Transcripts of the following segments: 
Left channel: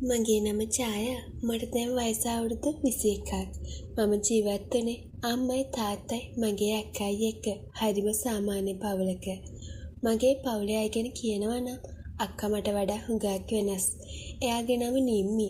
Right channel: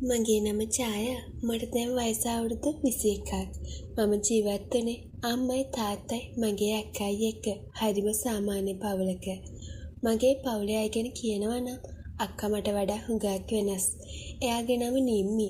මගේ නම ඡායා. මට දැන් වයස අවුරුදු 21ක්. මම ජීවත් වුණේ අම්මයි තාත්තයි මගේ අක්කයි එක්ක. හරිම සාමාන්‍ය පවුලක. මගේ පවුලේ අය ගැන කියනවා නම් අක්කා මට වඩා හුඟක් වෙනස්. එයාගේ නම නිම්මි.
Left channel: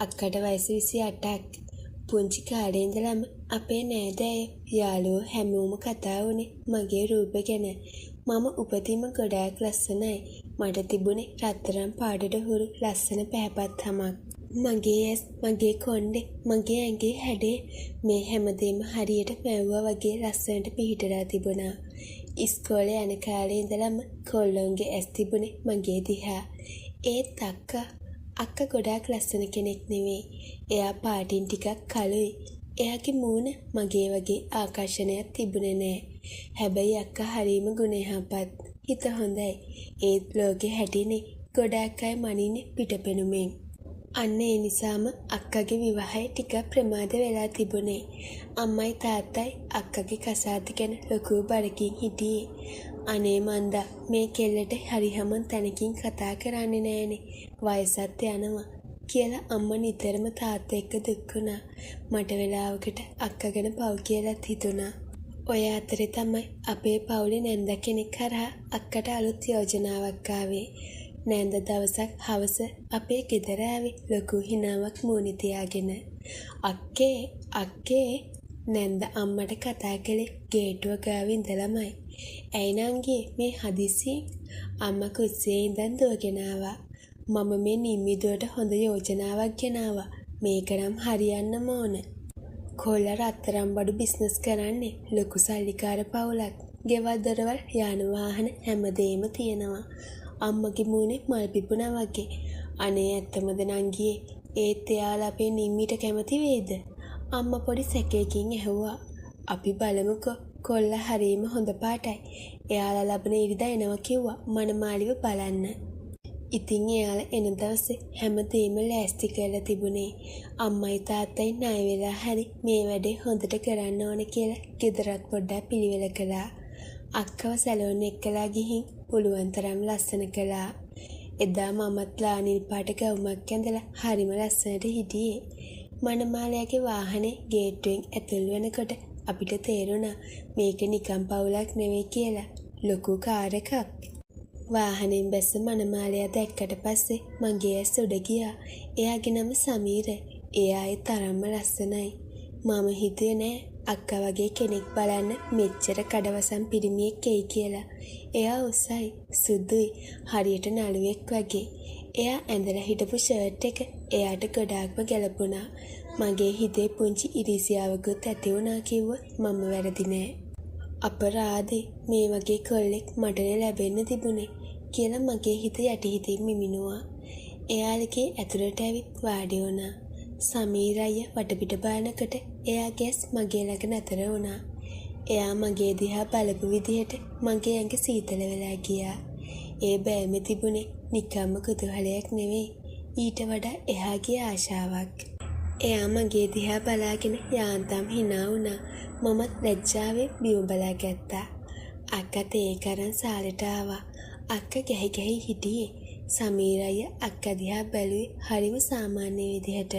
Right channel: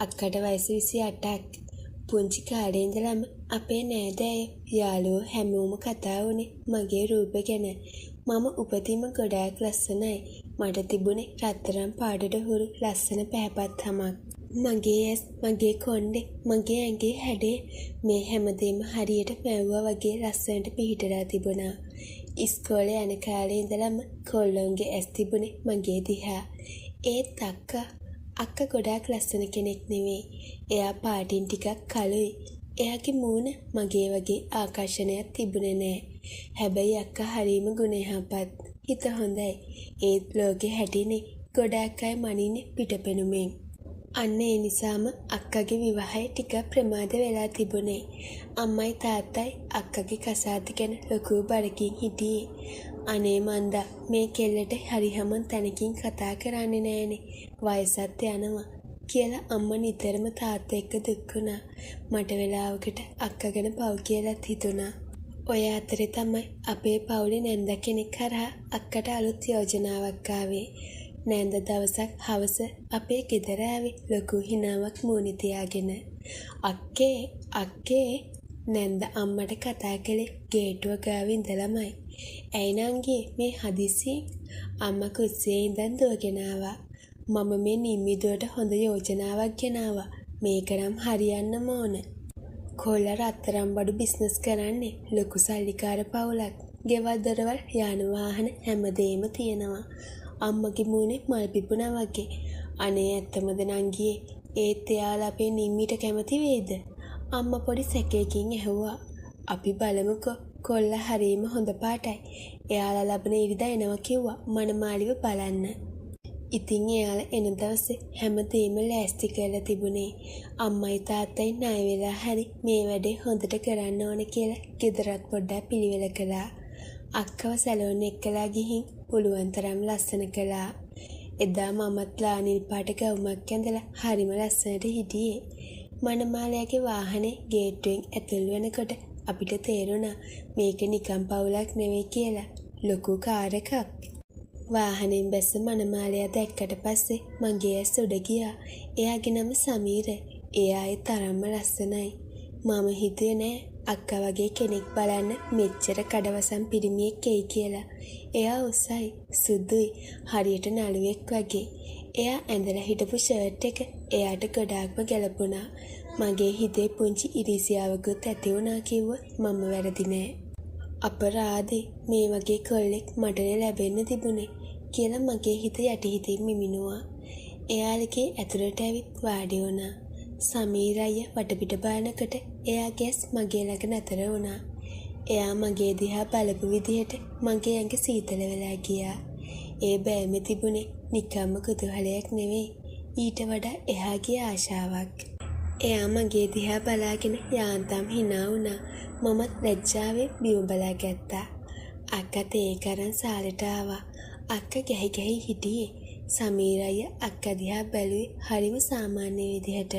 අක්කට වයස 28ක්. පුංචි කාලේ ඉඳලම අපේ නෑදෑයෝ යාළුවෝ හැමෝම කතා වුණේ මගේ රූප ගැන. මම උපතින්ම ගොඩාක් ලස්සනයි. මට තිබුණේ රත්තරන් පාටට හුරු ලස්සන පැහැපත් හමක්. මගේ ඇස්, මගේ කොණ්ඩේ, මගේ ඇඟේ හැඩේ මේ හැමදේම හරියට වැව්වා වගේ ලස්සනට පිහිටලා තිබුණා. ඉස්කෝලේ යන කාලේ ඉඳලම කොල්ලන්ගේ ඇස් තිබුණේ මගේ දිහා. ඒත් අක්කා ගොඩාක් ලස්සන කෙනෙක් නෙවෙයි. එයා පාටින් ටිකක් කළුයි. එයාගේ මූණ මගේ වගේ ආකර්ෂණයක් තිබුණේ නෑ. හැබැයි අක්කා හරීම ගුණයහපත්. හිත හොඳයි. ඒත් ලෝකෙ හැටිනේ ගොඩාක් අය මනින්නේ පිටපෙනුමෙන්. අන්න ඒ නිසාම අක්කගේ විවාහය ටිකක් ප්‍රමාද වෙලා තිබුණේ. අම්මයි තාත්තයි අක්කගේ කසාද ගැන ලොකු බරකින් හිටියේ. අනේ මන්දා මේ කෙල්ලට හරි හැමෝම තැනකින් කතා කරන්නේ නෑනේ. වයසත් යනවා කියලා අම්මා නිතරම තාත්තා එක්ක දුක් වුණා. මට වෙලාවකට අක්කා ගැන පව් කියලාත් හිතුණා. ඔය අතරේ තමයි අපේ පවුලේ නන්ද කෙනෙක් අක්කට අලුත් යෝජනාවක් ආවේ. නේද දවසක් හවස අපේ ගෙදර ලොකු හිනාවක් මොනේ තියාගෙන අක්කේ නන්ද අම්මට කතා කළේ ගේට්ටුව ගාව ඉඳලමයි. ඇයි නංගි මේ හදිසියෙන් අම්මා කුස්සියේ ඉඳන් යෝජනාවක්. මම මේ නිම්මිදුවට හොඳ යෝජනාවක් ගෙනාවා. මේක නම් හරියන්නම ඕනේ. කොල්ල රත්තරන් බඩු බිස්නස් කරන්නේ ලොකු සල්ලිකාර පවුලක්. ගෙවල් දොරවල් යාන වාහන හැමදේම තියෙනවා. අම්මගේ මූණේ මල් පිපුණා වගේ. අනේ ඇත්තමද නංගියේ ඒත් එයාලා අපේ නිම්මිට කැමති වේද? අම්මා පොඩි සැකයකින් ඇහුවා. අපි බලමුකෝ. කොල්ල හරීම හොඳ පාටයි. එයාලා ලබන ඉරිදා එනවා කිව්වා මනමාලිව බලන්න. ඉතින් එයාලා එන දවසේ හැමදේම ලෑස්ති කරලා තිබුණේ. අම්මයි තාත්තයි ණය වෙලා හරි මේ වැඩේ හොඳට කරන්න ඕනේ කියලා ගෙදරත් පොඩ්ඩක් පිළිවෙල කළා. අක්කව සැලෝන් එක්කලා ගිහින් පුළුවන් තරම් ලස්සන කළා. එදා මමත් ලානිල් පාට ගවුමක් ඇඳලා හරිම ලස්සනට හිටියේ. මනමාලයාගේ වාහනේ ගේට්ටුවෙන් ඇතුල් වෙනකොට අපිට තේරුණා මේක නිකම් පවුලක් නෙවෙයි කියලා. ලොකු කාර් එකක්. වාහනෙන් බැස්ස මනමාලයා දැක්කට පස්සේ මගේ ඇස් උඩ ගියා. එයාගේ නම සමීර. එයා ඒ තරම්ම ලස්සනයි. මම හිතුවේ නෑ අක්කා වගේ කෙනෙක් බලන්න මෙච්චර කෙටිවසම් පිරිමියෙක්ගේ කියලා. එයා උසයි, සුදුයි, හරියට නළුවෙක් වගේ. එයා ඇඳලා හිටපු ෂර්ට් එක එයාට ගොඩාක්ම ගැලපුණා. මගේ හිතේ පුංචි ඉරිසියාවකුත් ඇති වුණා කිව්වොත් මම වැරදි නෑ. අපරාධේ මේ වගේ කොල්ලෙක් මටනේ ලැබෙන්න තිබුණේ කියලා මගේ හිත යටිහිතින් මිමිනුවා. එයාලගේ ඇතුළට ඇවිත් වාඩි වුණා. සමීර අයියා වටපිට බලනකොට එයාගේ ඇස් මගේ ළඟ නතර වුණා. එයා මගේ දිහා බලපු විදිහට මගේ ඇඟ සීතල වෙලා ගියා. ඒ බෑමේ තිබුණේ නිකම්ම කුතුහලයක් නෙවෙයි. ඊට වඩා එහාගේ ආශාවක්. එයා මගේ දිහා බලාගෙන යාන්තම් hina වුණා. මමත් ලැජ්ජාවෙන් බිම බලා ගත්තා. අක්කත් ඒක අරන් සාලෙට ආවා. අක්කා ගැහි ගැහි හිටියේ. සමීර අයියා අක්කා දිහා බැලුවේ හරිම සාමාන්‍ය විදිහට.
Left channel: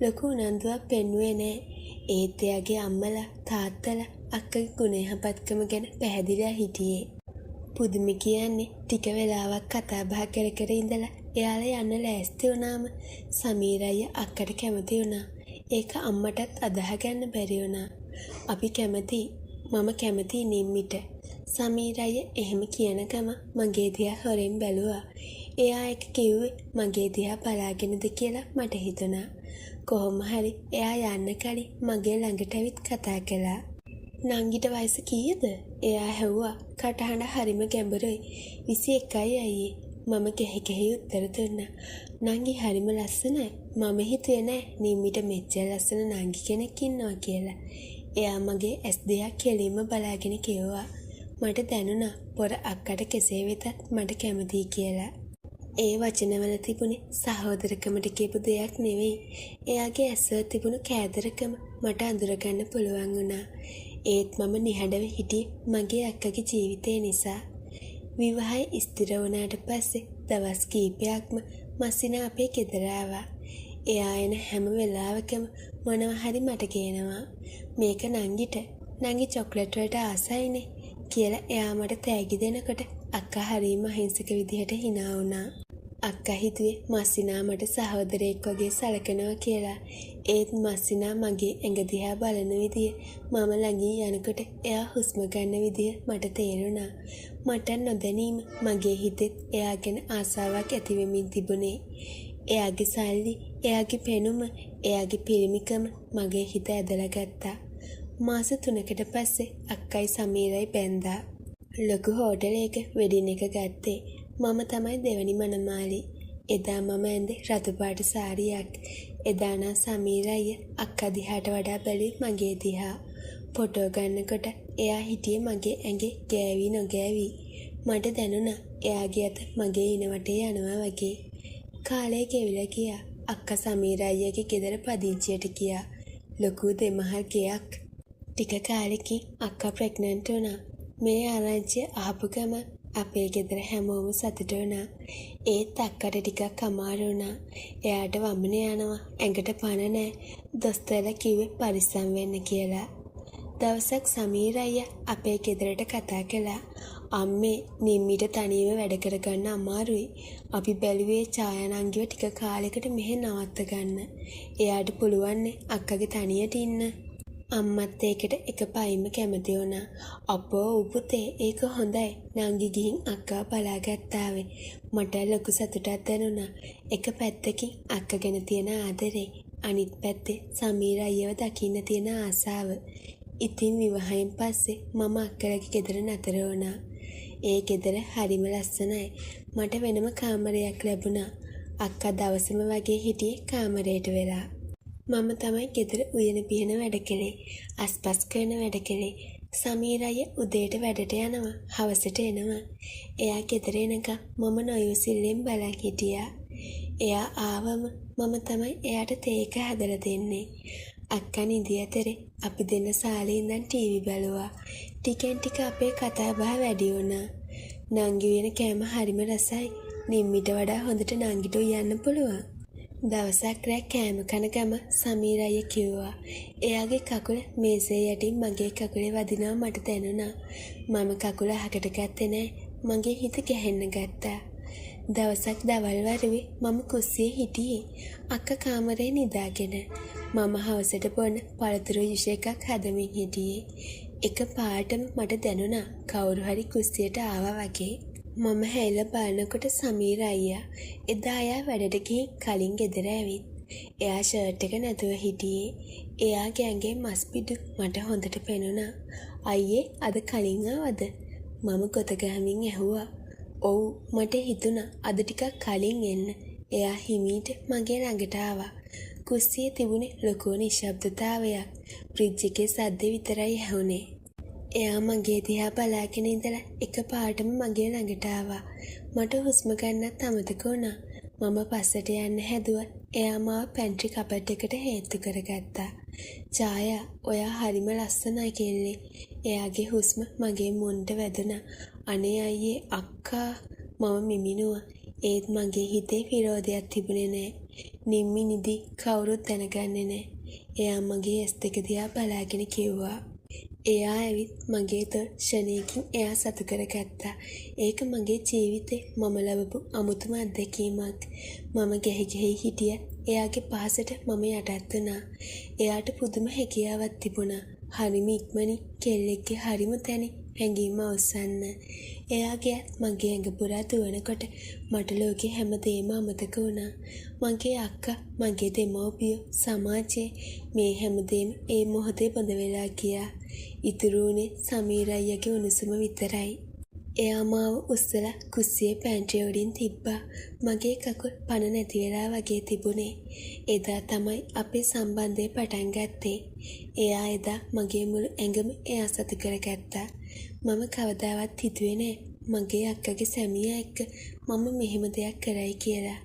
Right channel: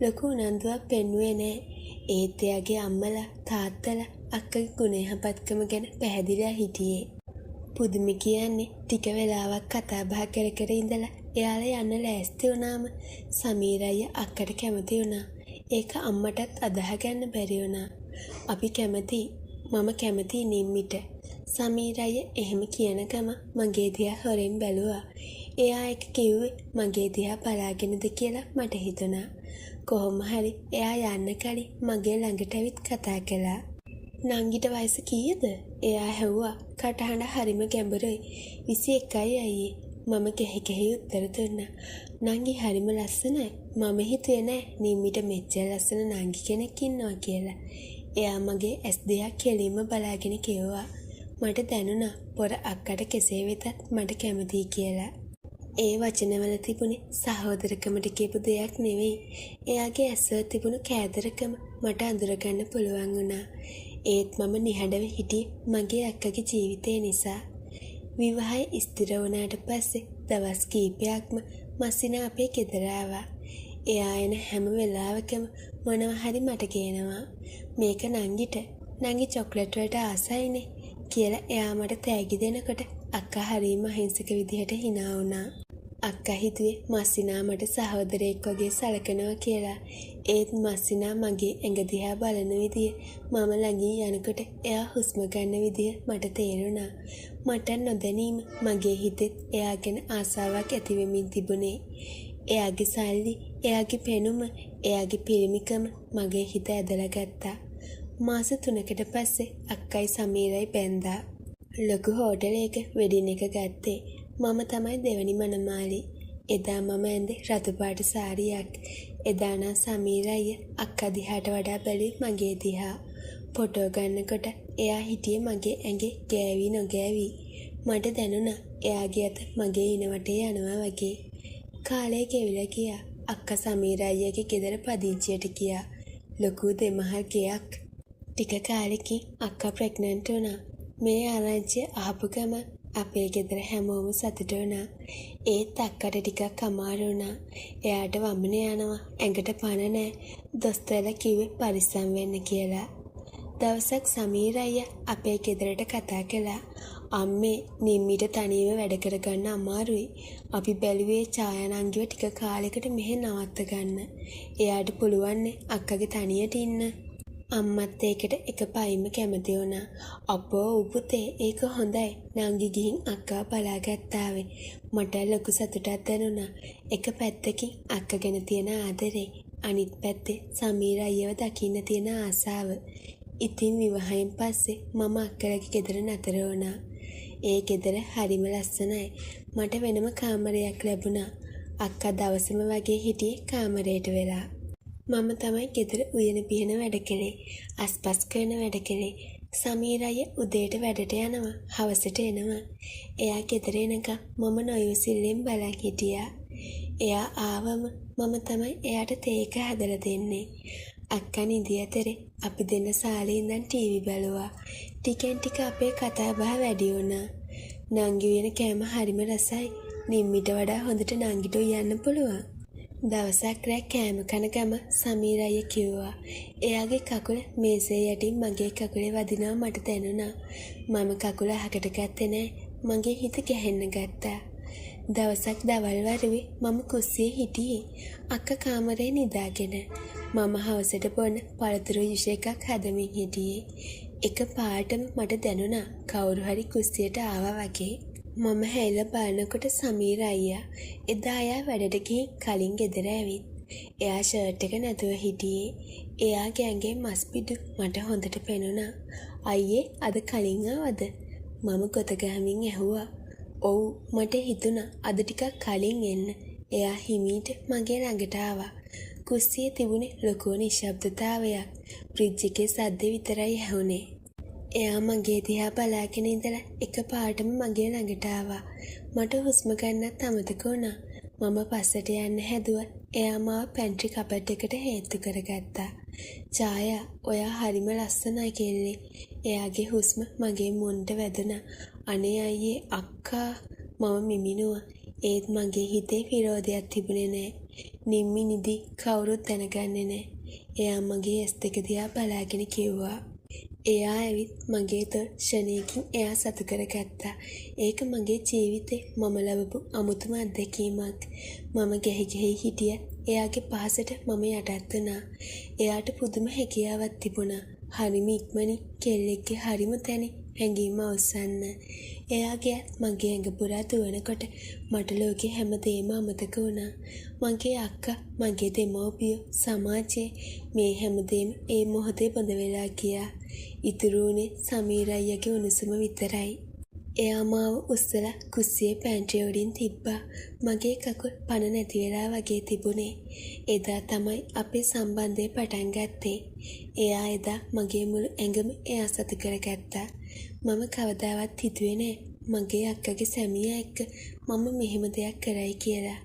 ලොකු උනන්දුවක් පෙන්වුවේ නෑ. ඒත් එයාගේ අම්මලා තාත්තලා අක්කගේ ගුණයහපත්කම ගැන පැහැදිලා හිටියේ. පුදුම කියන්නේ ටික වෙලාවක් කතා බහ කර කර ඉඳලා එයාලා යන්න ලෑස්ති වුණාම සමීර අයියා අක්කට කැමති වුණා. ඒක අම්මටත් අදහ ගන්න බැරි වුණා. අපි කැමතියි. මම කැමතියි නිම්මිට. සමීර අයියා එහෙම කියන ගම මගේ දිහා හොරෙන් බැලුවා. එයා එක කිව්වේ මගේ දිහා බලාගෙනද කියලා මට හිතුණා. කොහොම හරි එයා යන්න කලින් මගේ ළඟට ඇවිත් කතා කළා. නංගිට වයස කීයද? එයා ඇහුවා. කටහඬ හරිම ගැඹුරුයි. 21යි අයියේ. මම කෙහි උත්තර දුන්නා. නංගි හරිම ලස්සනයි. මම හිතුවේ නෑ නිම්මිට මෙච්චර ලස්සන නංගි කෙනෙක් ඉන්නවා කියලා. එයා මගේ ඇස් දිහා කෙලින්ම බලාගෙන කිව්වා. මට දැනුණා පොර අක්කට කෙසේ වෙතත් මට කැමතියි කියලා. ඒ වචනවල තිබුණේ සහෝදරකමට කියපු දෙයක් නෙවෙයි. එයාගේ ඇස්වල තිබුණු කෑදරකම මට අඳුරගන්න පුළුවන් වුණා. ඒත් මම නිහඬව හිටියේ මගේ අක්කගේ ජීවිතය නිසා. විවාහය ස්ථිර වුණාට පස්සේ දවස් කීපයක්ම මස්සිනා අපේ ගෙදර ආවා. එයා එන හැම වෙලාවකම මොනවා හරි මට කියනවා. මේක නංගිට. නංගි චොක්ලට් වලට ආසයිනේ කියලා එයා මට තෑගි දෙනකොට අක්කා හරිම අහිංසක විදිහට hina වුණා. අක්කා හිතුවේ මස්සිනා මට සහෝදරයෙක් වගේ සලකනවා කියලා. ඒත් මස්සිනා මගේ ඇඟ දිහා බලන විදිය, මම ළඟින් යනකොට එයා හුස්ම ගන්න විදිය මට තේරුණා. මට නොදැනීම මගේ හිතෙත් එයා ගැන ආසාවක් ඇති වෙමින් තිබුණේ. එයාගේ සල්ලි, එයාගේ පෙනුම, එයාගේ පිරිමිකම මගේ හිත ඇදලා ගත්තා. මාස 3කට පස්සේ අක්කයි සමීරයි බැන්දා. ලොකු හෝටලයක වෙඩින් එක ගත්තේ. මම තමයි දෙවනි මනමාලි. එදා මම ඇඳේ රතු පාට සාරියක්. එදා නම් සමීර අයියා අක්කා දිහාට වඩා බැලුවේ මගේ දිහා. ෆොටෝ ගන්නකොට එයා හිටියේ මගේ ඇඟේ ගෑවි නොගෑවි. මට දැනුණා එයාගේ අත මගේ ඉනවටේ යනවා වගේ. කාලේ ගෙවිලා ගියා. අක්කා සමීර අයියාගේ ගෙදර පදිංචියට ගියා. ලොකු දෙමහල් ගයක්. ටික කාලෙකින් අක්කා ප්‍රෙග්නන්ට් වුණා. මේ ආරංචිය අහපු ගම අපේ ගෙදර හැමෝම සතුට වුණා. ඒත් අක්කට ටිකක් අමාරු වුණා. එයාට වමන යනවා. ඇඟට පණ නැහැ. දොස්තරලා කිව්වේ පරිස්සම් වෙන්න කියලා. දවසක් සමීර අයියා අපේ ගෙදරට කතා කළා. අම්මේ නිම්මිට තනියම වැඩ කරගන්න අමාරුයි. අපි බැලුවේ ඡායානංගිව ටික කාලෙකට මෙහෙ නවත්ත ගන්න. එයාට පුළුවන් අක්කගේ තනියට ඉන්න. අම්මත් ඒකට එක පයින්ම කැමති වුණා. අපෝ උපුතේ ඒක හොඳයි. නංගි ගිහින් අක්කා බලාගත්තාවේ. මට ලොකු සතුටක් දැනුණා. එක පැත්තකින් අක්ක ගැන තියෙන ආදරේ, අනිත් පැත්තේ සමීර අයියව දකින්න තියෙන ආසාව. ඉතින් විවාහයෙන් පස්සේ මම අක්කලගේ ගෙදර නතර වුණා. ඒ ගෙදර හරිම ලස්සනයි. මට වෙනම කාමරයක් ලැබුණා. අක්කා දවසම වගේ හිටියේ කාමරයට වෙලා. මම තමයි ගෙදර උයන පිහන වැඩ කළේ. අස්පස් කරන වැඩ කළේ. සමීර අයියා උදේට වැඩට යනවා. හවසට එනවා. එයා ගෙදර එනකම් මම නොයොසිල්ලෙන් බලන් හිටියා. එයා ආවම මම තමයි එයාට තේ එක හදලා දෙන්නේ. අක්කා නිදි අතරේ අපි දෙන්න සාලේ ඉඳන් ටීවී බලුවා. ටිකෙන් ටික අපේ කතා බහ වැඩි වුණා. නංගි වෙන කෑම හරිම රසයි. නිම්මිට වඩා හොඳට නංගිට උයන්න පුළුවන්. දවසක් රෑ කෑම කන ගම සමීර අයියා කිව්වා. එයාගේ කකුල මේසේ යටින් මගේ කකුලේ වදිනවා මට දැනුණා. මම කකුල අහකට ගත්තේ නෑ. මගේ හිත ගැහෙන්න ගත්තා. දවසක් දවල් වරුවේ මම කුස්සියේ හිටියේ. අක්කා කාමරේ නිදාගෙන. මම හවසට බොන පළතුරු යුෂ එකක් හදමින් හිටියේ. එක පාටම මට දැනුණා කවුරු හරි කුස්සියට ආවා වගේ. මම හැරිලා බලනකොට සමීර අයියා එදා එයා වැඩට ගිහින් කලින් ගෙදර ඇවිත්. එයා ෂර්ට් එක නැතුව හිටියේ. එයාගේ ඇඟේ මස් පිඩු මට හොඳට පෙනුණා. අයියේ අද කලින් ආවද? මම ගොත ගහමින් ඇහුවා. ඔව් මට හිතුණා අද ටිකක් කලින් එන්න. එයා හිමීට මගේ ළඟට ආවා. කුස්සියේ තිබුණේ ලොකු නිශ්ශබ්දතාවයක්. ෆ්‍රිජ් එකේ සද්ද විතරයි ඇහුනේ. එයා මගේ දිහා බලාගෙන ඉඳලා එකපාරටම මගේ ළඟට ආවා. මට හුස්ම ගන්නත් අමතක වුණා. මම පස්සට යන්න හැදුවා. එයා මාව පැන්ට්‍රි කබඩ් එකට හේතු කරගත්තා. ඡායා, ඔයා හරිම ලස්සනයි කෙල්ලේ. එයාගේ හුස්ම මගේ මුන්ට වැදුනා. අනේ අයියේ අක්කා, මම මිමිනුවා. ඒත් මගේ හිතේ විරෝධයක් තිබුණේ නෑ. නිම්මි නිදි කවුරුත් දැනගන්නේ නෑ. එයා මගේ ඇස් දෙක දිහා බලාගෙන කිව්වා. එයා ඇවිත් මගේ තොල් ෂණයකින් එයා සතු කරගත්තා. ඒක මගේ ජීවිතේ මම ලැබපු අමුතුම අත්දැකීමක්. මම ගෙහි හිටිය. එයාගේ පහසට මම යටත් වුණා. එයාට පුදුම හැකියාවක් තිබුණා. හරිම ඉක්මනින් කෙල්ලෙක්ගේ හරිම තැනින් හැඟීම අවසන්න. එයාගේ මගේ ඇඟ පුරා දුවනකොට මට ලෝකේ හැමදේම අමතක වුණා. මගේ අක්කා, මගේ දෙමව්පියෝ, සමාජය, මේ හැමදේම ඒ මොහොතේ බඳ වෙලා ගියා. ඉතුරු වුණේ සමීර අයියාගේ උණුසුම විතරයි. එයා මාව උස්සලා කුස්සියේ පැන්ට්‍රි උඩින් තිබ්බා. මගේ කකුල් පණ නැති වෙලා වගේ තිබුණේ. එදා තමයි අපේ සම්බන්ධය පටන් ගත්තේ. එයා එදා මගේ මුළු ඇඟම එයා සතු කරගත්තා. මම කවදාවත් හිතුවේ නෑ මගේ අක්කගේ සැමියා එක්ක මම මෙහෙම දෙයක් කරයි කියලා.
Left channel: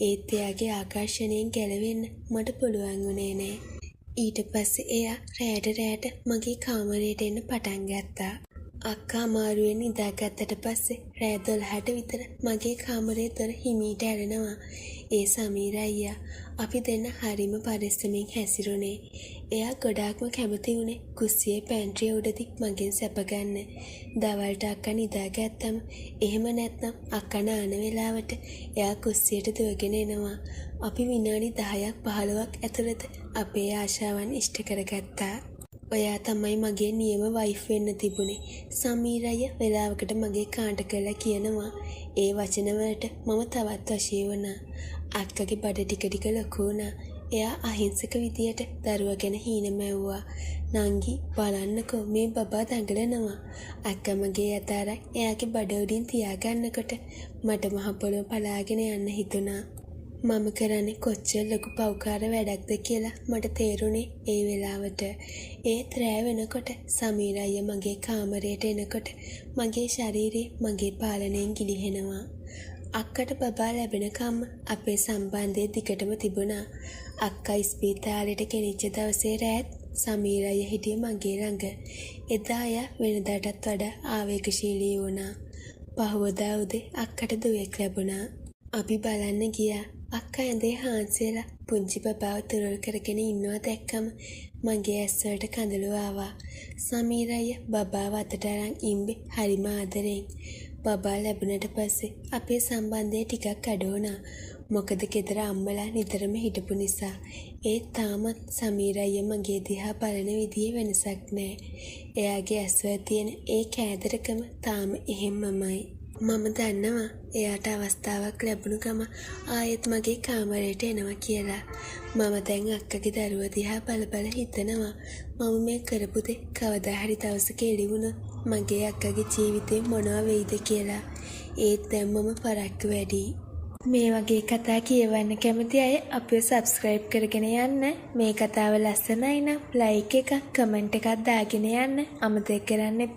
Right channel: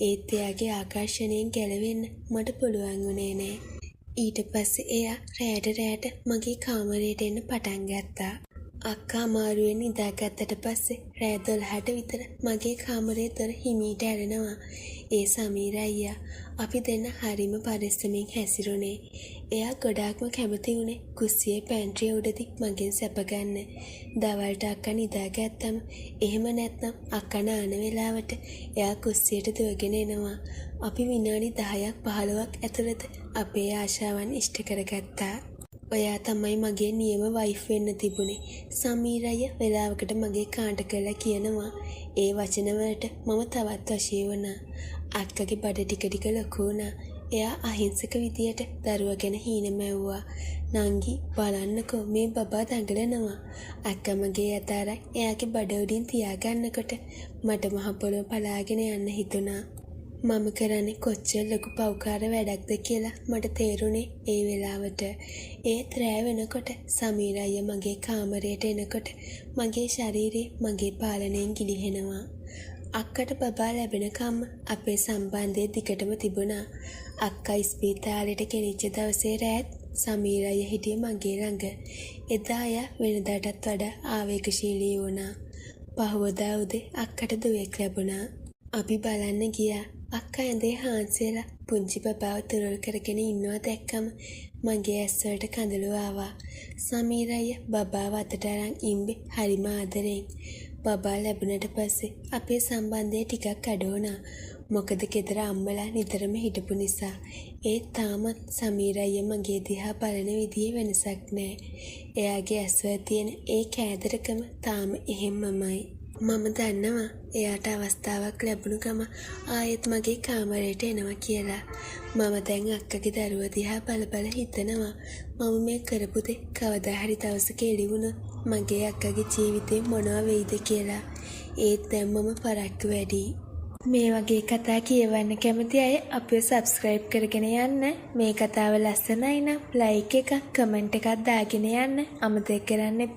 ඒත් එයාගේ ආකර්ෂණයෙන් ගැලවෙන්න මට පුළුවන් වුණේ නෑ. ඊට පස්සේ එයා රැයට මගේ කාමරයට එන්න පටන් ගත්තා. අක්කා අමාරුවෙන් නිදාගත්තට පස්සේ රෑ 12ට විතර මගේ කාමරේ දොර හිමීට ඇරෙනවා. ඒ සමීර අයියා. අපි දෙන්න හරිම පරිස්සමෙන් හැසිරුණේ. එයා ගොඩාක්ම කැමති වුණේ කුස්සියේ පැන්ට්‍රිය උඩදී මගෙන් සැප ගන්න. දවල්ට අක්කා නිදාගත්තම එහෙම නැත්නම් අක්කා නයන වෙලාවට එයා කුස්සියට දුවගෙන එනවා. අපි විනාඩි 10ක් 15ක් ඇතුළත අපේ ආශාවන් ඉෂ්ට කරගත්තා. ඔයා තමයි මගේ නියම වයිෆ් වෙන්න තිබුණේ. සමීර අයියා වෙලාවකට මගේ කාන්ට කරලා කියනවා. ඒ වචන වලට මම තවත් වශී වුණා. අක්කගේ බඩ ටික ටික ලොකු වුණා. එයා අහිංසක විදියට දරුවා ගැන හීන මැව්වා. නංගි බලන්නකෝ මේ බබා දඟලනවා. අක්කා මගේ අතාරක් එයාගේ බඩ උඩින් තියාගන්නකොට මට මහ පොළොව පලාගෙන යන්න හිතුණා. මම කරන්නේ කොච්චර ලොකු පව්කාර වැඩක්ද කියලා මට තේරුණේ ඒ වෙලාවට. ඒත් රෑ වෙනකොට සමීර අයියා මගේ කාමරයට එනකොට මගේ ශරීරේ මගේ පාලනයෙන් ගිලිහෙනවා. අක්කට බබා ලැබෙනකම් අපේ සම්බන්ධය දිගටම තිබුණා. අක්කා ඉස්පිරිතාලෙට ගෙනිච්ච දවසේ රෑත් සමීර අයියා හිටියේ මගේ ළඟ. එදා අයියා වෙනදාටත් වඩා ආවේගශීලී වුණා. පහවදා උදේ අක්කට දුවෙක් ලැබුණා. අපි බලන්න ගියා. අක්කා ඇඳේ හාන්සිලා පුංචි බබාව තුරල් කරගෙන ඉන්නවා දැක්කම මගේ ඇස් වලට කඳුළු ආවා. සමීර අයියා බබාව අතට අරන් ඉම්බේ හරිම ආදරෙන්. බබා ලැබුණට පස්සේ අපේ සම්බන්ධය ටිකක් අඩු වුණා. මොකද ගෙදර අම්මලා නිතරම හිටපු නිසා. ඒත් තාමත් සමීර අයියා මගේ දිහා බලන විදිහේ වෙනසක් නැහැ. එයාගේ ඇස්වල තියෙන ඒ කෑදරකම තාම එහෙම්මමයි. මම දන්නවා එයාට අවස්ථාවක් ලැබුණු ගම ආයෙත් මගේ කාමරයට එනවා කියලා. මම දැන් අක්කගේ දරුවා දිහා බල හිතනවා මම මේ කරපු දේ කවදා හරි දවසක එළි වුණොත් මගේ අක්කගේ ජීවිතේ මොනවා වෙයිද කියලා. ඒත් දැන් මම පරක්කු වැඩි. මේ වගේ කතා කියවන්න කැමති අය අපිව සබ්ස්ක්‍රයිබ් කරගෙන යන්න. මේ කතාව ලස්සනයි නම් ලයික් එකක් කමෙන්ට් එකක් දාගෙන යන්න අමතක කරන්න එපා.